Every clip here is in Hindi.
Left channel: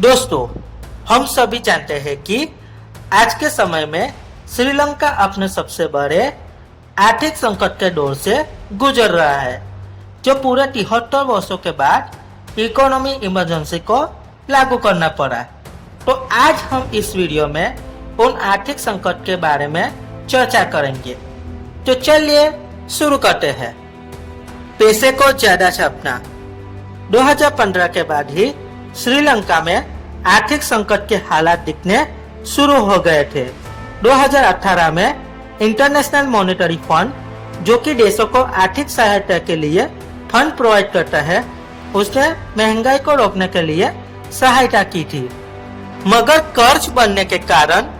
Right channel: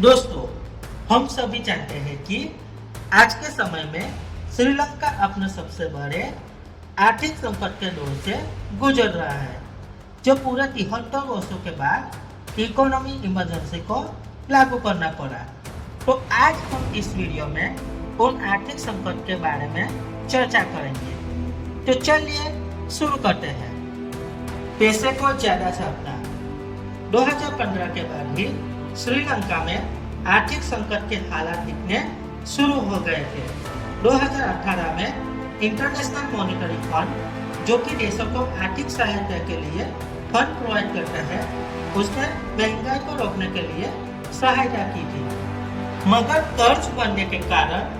दोस्तों, हम सभी जानते हैं कि आज के समय में श्रीलंका अपने सबसे बड़े आर्थिक संकट के दौर से गुजर रहा है, जो पूरे 73 वर्षों के बाद इकोनॉमी इमरजेंसी को लागू करना पड़ा। तो आज हम इस वीडियो में उन आर्थिक संकट के बारे में चर्चा करेंगे। तो चलिए शुरू करते हैं। पैसे को ज्यादा छापना। 2015 के बाद ही श्रीलंका में आर्थिक संकट के हालात दिखने शुरू हो गए थे। 2018 में इंटरनेशनल मॉनेटरी फंड, जो कि देशों को आर्थिक सहायता के लिए फंड प्रोवाइड करता है, उसने महंगाई को रोकने के लिए सहायता की थी। मगर कर्ज बनने के कारण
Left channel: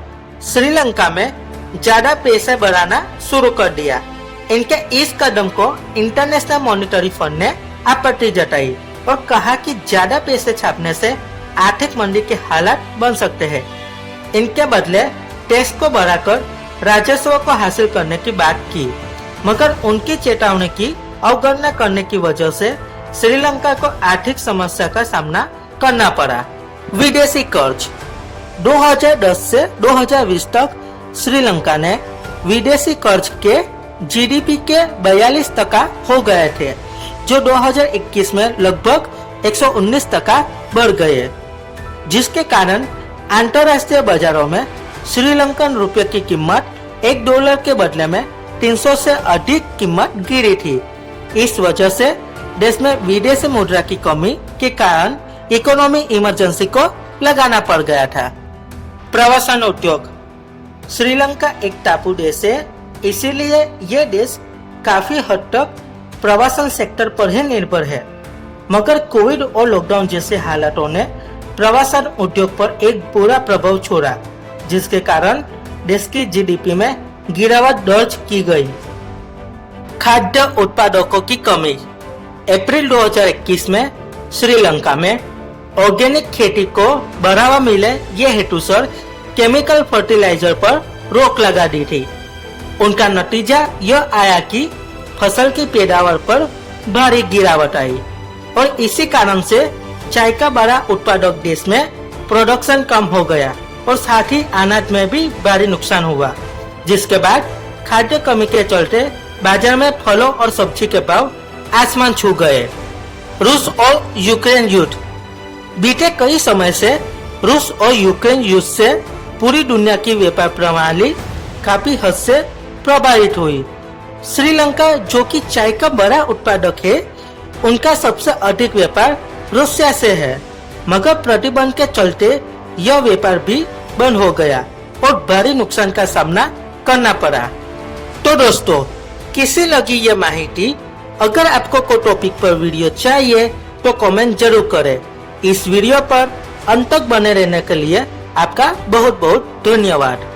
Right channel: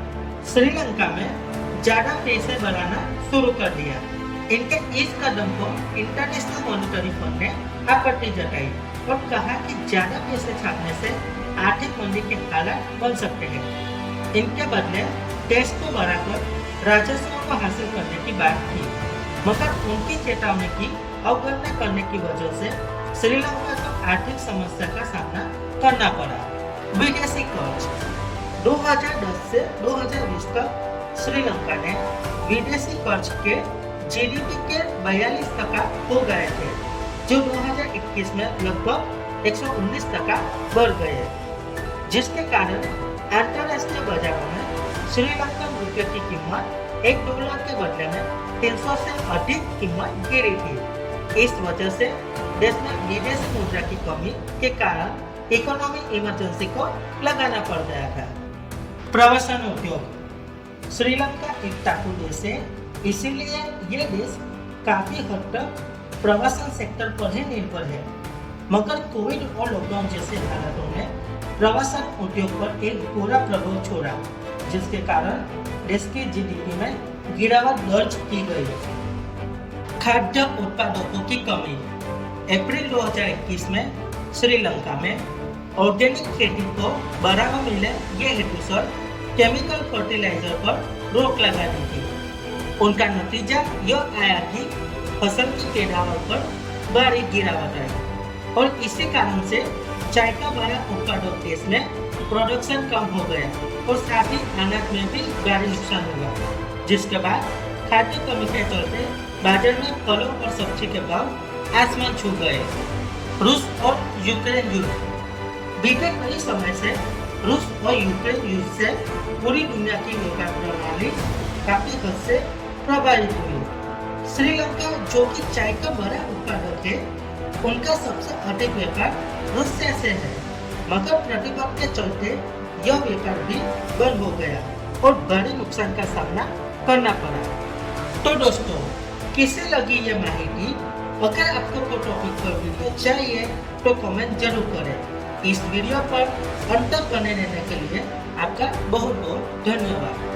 श्रीलंका में ज्यादा पैसे बढ़ाना शुरू कर दिया। इनके इस कदम को इंटरनेशनल मॉनेटरी फंड ने आपत्ति जताई और कहा कि ज्यादा पैसे छापने से आर्थिक मंदी के हालात बन सकते हैं। इनके बदले टैक्स को बढ़ाकर राजस्व को हासिल करने की बात की, मगर उनकी चेतावनी की अवगणना करने की वजह से श्रीलंका को आर्थिक समस्या का सामना करना पड़ा। विदेशी कर्ज। 2010 से 2020 तक श्रीलंका ने विदेशी कर्ज के जीडीपी के 42% हो गए थे, जो 2021 में लगभग 119% बढ़ गए, जिसके कारण अंतर्राष्ट्रीय बाजारों में श्रीलंकन रुपये की कीमत $1 के बदले में 300 से अधिक कीमत गिरी थी। इस वजह से देश में विदेशी मुद्रा की कमी के कारण इकोनॉमी इमरजेंसी को लगाना पड़ गया था। प्रवासन उद्योग। श्रीलंका एक टापू देश है, इसीलिए ये देश काफी हद तक प्रवासन सेक्टर पर ही निर्भर है। मगर कोविड और लॉकडाउन जैसे हालातों ने प्रवासन उद्योग पर एक बुरा प्रभाव छोड़ा, जिसके कारण देश की जीडीपी में गिरावट दर्ज की गई। खाद्य उत्पादकों की कमी। अप्रैल 2021 में श्रीलंका में ऑर्गेनिक खेती को बढ़ावा मिले ये हेतुसर केमिकल फर्टिलाइजर पर रोक लगा दी थी। उनका नतीजा यह आया कि फसल की पैदावार पर भारी गिरावट आई और इसी कारण से चाय का बड़ा उत्पादक देश में प्रोडक्शन कम हो गया और साथ ही अनाज में भी भारी नुकसान हुआ, जिसके बाद खाद्य कमी के चलते बाजार में फलों और सब्जी के भाव आसमान छू गए। रूस और यूक्रेन युद्ध। बीते कई समय से रूस और यूक्रेन युद्ध से पूरी दुनिया की व्यापार प्रणाली काफी हद से प्रभावित हुई। श्रीलंका, जो कि चाय का बड़ा उत्पादक है, उनका सबसे अधिक व्यापार रूसिया से है, मगर प्रतिबंध के चलते यह व्यापार भी बंद हो गया और भारी नुकसान का सामना करना पड़ा। तो दोस्तों, कैसी लगी ये माहिती? अगर आपको कोई टॉपिक पर वीडियो चाहिए तो कमेंट जरूर करें। इस वीडियो पर अंत तक बने रहने के लिए आपका बहुत बहुत धन्यवाद।